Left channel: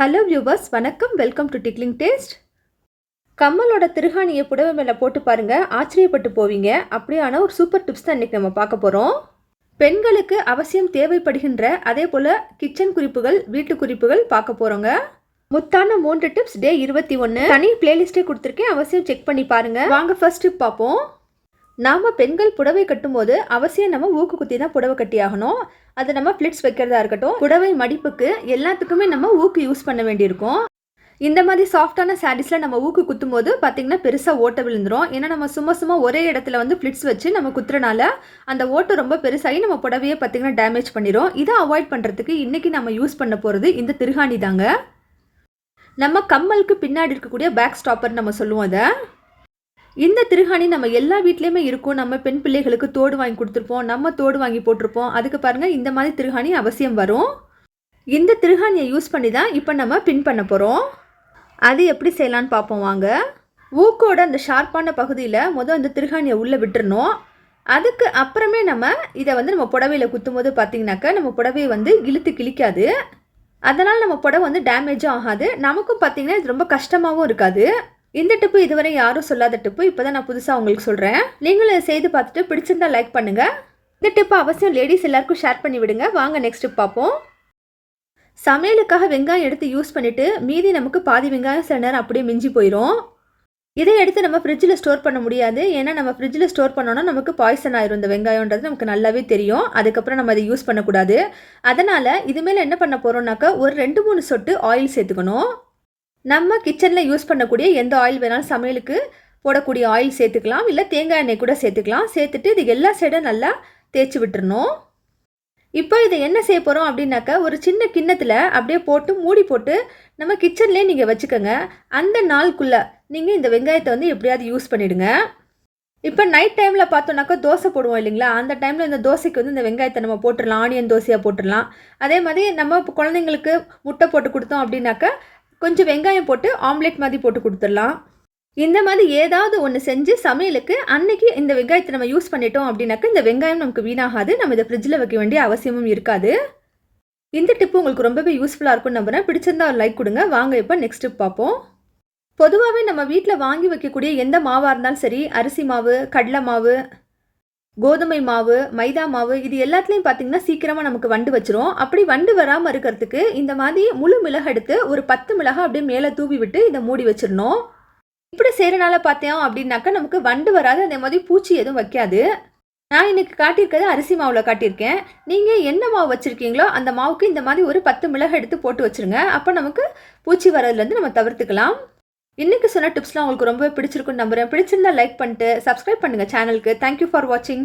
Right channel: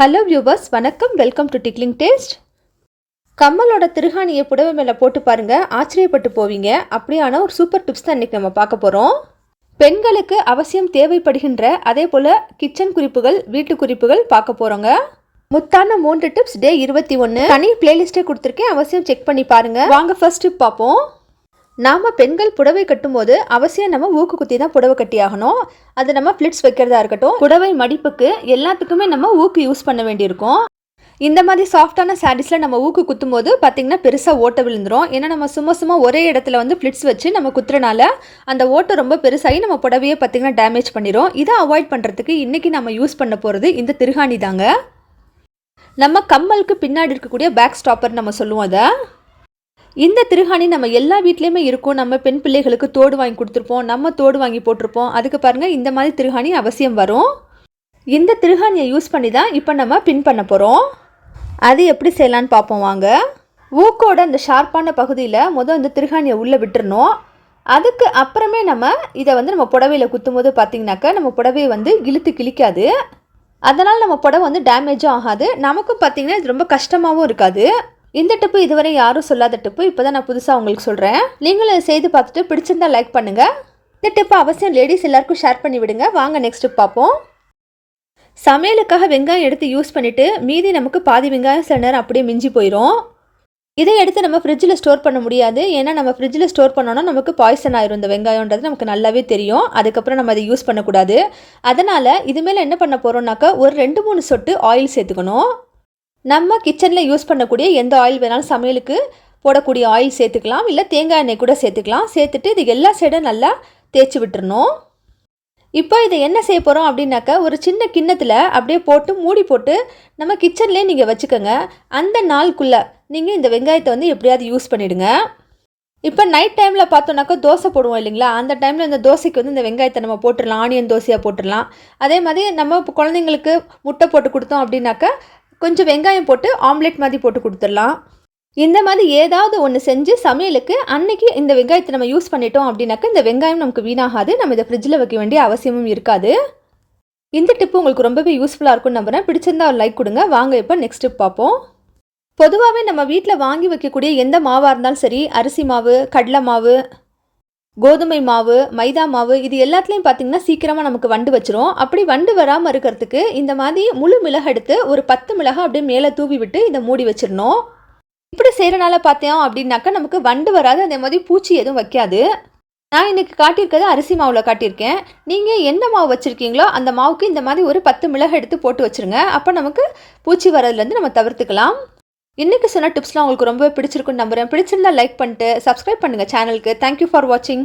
Hello viewers வணக்கம். Welcome to tickling taste கம்மலோட திருகாணியை புடவை மேலே போட்டு பாருங்கள் ஆச்சரியப்பட்டு போவீங்க. அப்படியான ஒரு சூப்பர் டிப்ஸ் தான் இன்றைக்கி நம்ம பார்க்க போகிறோம் பெண்களுக்கு அவசியம் தேவைப்படுகின்ற அதே போல் கிச்சன் குறிப்புகள் வீட்டு குறிப்புகள் பார்க்க போகிறோங்க முத்தான மூன்று டிப்ஸ் டே இருபத்தி ஒன்று தனி பிளேலிஸ்ட்டே கொடுத்துருக்கேன். அவசியம் செக் பண்ணி பாருங்கள் வாங்க ஃபர்ஸ்ட் டிப் பார்ப்போம். நாம் பெண்கள் புடவை கட்டும்போது அவசியம் நம்ம ஊக்கு குத்தி தான் புடவை கட்டி ஆகணும் அது நம்ம ஃப்ளிட்ஸ் வைக்கிறதா இருக்கட்டும் புடவை மடிப்புக்கு எல்லாத்துக்குமே நம்ம ஊக்கு யூஸ் பண்ண வேண்டியிருக்கும். இந்த மாதிரி சாஃப்டான சாரீஸில் நம்ம ஊக்கு குத்தும் போது பார்த்திங்கன்னா பெருசாக ஓட்டை விழுந்துரும். ஏன்னா நம்ம சும்மா சும்மா ஒரே இடத்துல வந்து ஃப்ளிட்ஸ் வச்சு நம்ம குத்துறனால அந்த ஓட்டை ரொம்ப பெருசாகி நம்ம புடவையே பார்த்திங்கன்னா டேமேஜ் பண்ணிடும் இதை அவாய்ட் பண்ணுறதுக்கு இன்றைக்கி நம்ம யூஸ் பண்ண போகிறது இந்த திருகாணி தாங்க. நம்ம கம்மலுக்கு பின்னாடி இருக்கக்கூடிய பேக் ஸ்டாப்பர் நம்ம சொல்லுவோம் அதை. இந்த திருகாணி நம்ம எல்லா வீட்லேயுமே இருக்கும். நம்ம பெண் பிள்ளைகளுக்கு தோடு வாங்கி கொடுத்துருப்போம். நம்ம தோடு வாங்கி போட்டிருப்போம். அதுக்கு பாருங்கள் இந்த மாதிரி திருகாணி அவசியம் வரும். இந்த திருகாணியை யூஸ் பண்ணி தான் இப்போ நம்ம பின் பண்ண போகிறோம் அது எப்படி செய்யலான்னு பார்ப்போம் வாங்க. ஊக்கோட அந்த ஷார்ப்பான பகுதியில் மொதல் இந்த திருகாணியை உள்ளே விட்டுறணும். அதுக்கு அப்புறமே நம்ம இதை வந்து நம்ம புடவையில் குத்தும் போது பார்த்திங்கனாக்கா நம்ம புடவையை வந்து இழுத்து கிழிக்காது. அதனால் நம்ம புடவை வந்து டேமேஜும் ஆகாது. நமக்கும் பார்த்திங்கன்னா இது ரொம்ப கஷ்டமாகவும் இருக்காது. இந்த டிப்பு இதுவரை யாரும் சொல்லாத டிப்பு. இப்போ தான் நான் புதுசாக உங்களுக்கு சொல்கிறேன் நீங்களும் இதை செய்து பார்த்துட்டு பிடிச்சிருந்தா லைக் பண்ணுங்கள் இந்த டிப்பு அவசியம் லேடிஸ் எல்லாருக்கும் ஷேர் பண்ணி விடுங்க. வாங்க நெக்ஸ்ட் டிப் பார்ப்போம். சமையலுக்காக வெங்காயம் எடுத்து யூஸ் பண்ணிவிட்டு மீதி நமக்கு பாதி வெங்காயம் சில நேரம் அப்படியே மிஞ்சி போயிடும் இதை எடுத்து நம்ம ஃப்ரிட்ஜில் ஸ்டோர் பண்ண முடியாது. ஏன்னா நம்ம ஃப்ரிட்ஜில் ஸ்டோர் பண்ணோன்னா நமக்கு பாய்சன் ஆயிரும். இந்த வெங்காயன்றது நமக்கு நல்லாவே தெரியும். அதுக்கப்புறம் நம்ம அதை யூஸ் பண்ணக்கூடாது. அதனால் இதுமேல் என்ன பண்ண போகிறோம்னாக்கா ஒரு ரெண்டு மூணு சொட்டு ஆயில் சேர்த்துக்கணும். நம்ம கிச்சனில் யூஸ் பண்ணக்கூடிய எந்த ஆயில் வேணாலும் சமையலுக்கு போடக்கூடிய ஆயில் சேர்த்துக்கலாம். இல்லை தேங்காய் எண்ணெய் கூட சேர்த்துக்கலாம். சேர்த்துட்டு இது எல்லா சைடும் நல்லா தேய்ச்சி விட்டுறணும். இப்போ இதை என்ன செய்ய போகிறோம் அப்படின்னாக்கா ஒரு சின்ன கிண்ணத்தில் அப்படியே போட்டு மூடி போட்டு நம்ம கிச்சன்லேயே நீங்கள் வச்சுக்கோங்க. அந்த நாளுக்குள்ளே நீங்கள் இந்த வெங்காயத்தை வந்து எப்படியாவது யூஸ் பண்ணிவிடுங்க இப்போ நைட் டைமில் பார்த்தோன்னாக்கா தோசை போடுவோம் இல்லைங்களா? அந்த டைமில் இந்த தோசைக்கு வந்து இந்த வெங்காயத்தை நம்ம போட்டுடலாம் ஆனியன் தோசையாக போட்டுடலாம். அதே மாதிரி நம்ம இப்போ குழந்தைங்களுக்கு முட்டை போட்டு கொடுத்தோம் அப்படின்னாக்கா கொஞ்சம் வெங்காயம் போட்டு ஆம்லெட் மாதிரி போட்டு கொடுத்துடலாம். இந்த மாதிரி ஏதாவது ஒன்று செஞ்சு சமையலுக்கு அன்னைக்கு இந்த வெங்காயத்தை நம்ம யூஸ் பண்ணிட்டோம் அப்படின்னாக்கா இந்த வெங்காயம் நமக்கு வீணாகாது. நம்ம இதை ஃப்ரிட்ஜில் வைக்க வேண்டிய அவசியமும் இருக்காது. இந்த டிப்பு உங்களுக்கு ரொம்பவே யூஸ்ஃபுல்லாக இருக்கும்னு நம்புறேன். பிடிச்சிருந்தா ஒரு லைக் கொடுங்க. வாங்க இப்போ நெக்ஸ்ட் டிப் பார்ப்போம். பொதுவாகவே நம்ம வீட்டில் வாங்கி வைக்கக்கூடிய எந்த மாவாக இருந்தாலும் சரி அரிசி மாவு கடலை மாவு கோதுமை மாவு மைதா மாவு இது எல்லாத்துலேயும் பார்த்தீங்கன்னா சீக்கிரமாக நமக்கு வண்டு வச்சிரும். அப்படி வண்டு வராமல் இருக்கிறதுக்கு இந்த மாதிரி முழு மிளகு எடுத்து ஒரு பத்து மிளகா அப்படியே மேலே தூவி விட்டு இதை மூடி வச்சிடணும் இப்படி செய்கிறனால பார்த்தோம் அப்படின்னாக்கா நமக்கு வண்டு வராது அதே மாதிரி பூச்சி எதுவும் வைக்காது. நான் இன்றைக்கி காட்டியிருக்கிறது அரிசி மாவில் காட்டியிருக்கேன். நீங்கள் என்ன மாவு வச்சுருக்கீங்களோ அந்த மாவுக்கு இந்த மாதிரி ஒரு பத்து மிளகு எடுத்து போட்டு வச்சுருங்க. அப்போ நமக்கு பூச்சி வரதுலேருந்து நம்ம தவிர்த்துக்கலாம். இன்றைக்கி சொன்ன டிப்ஸ்லாம் உங்களுக்கு ரொம்பவே பிடிச்சிருக்குன்னு நம்புகிறேன் பிடிச்சிருந்தா லைக் பண்ணிட்டு சப்ஸ்கிரைப் பண்ணுங்கள் சேனலுக்கு தேங்க்யூ ஃபார் வாட்சிங்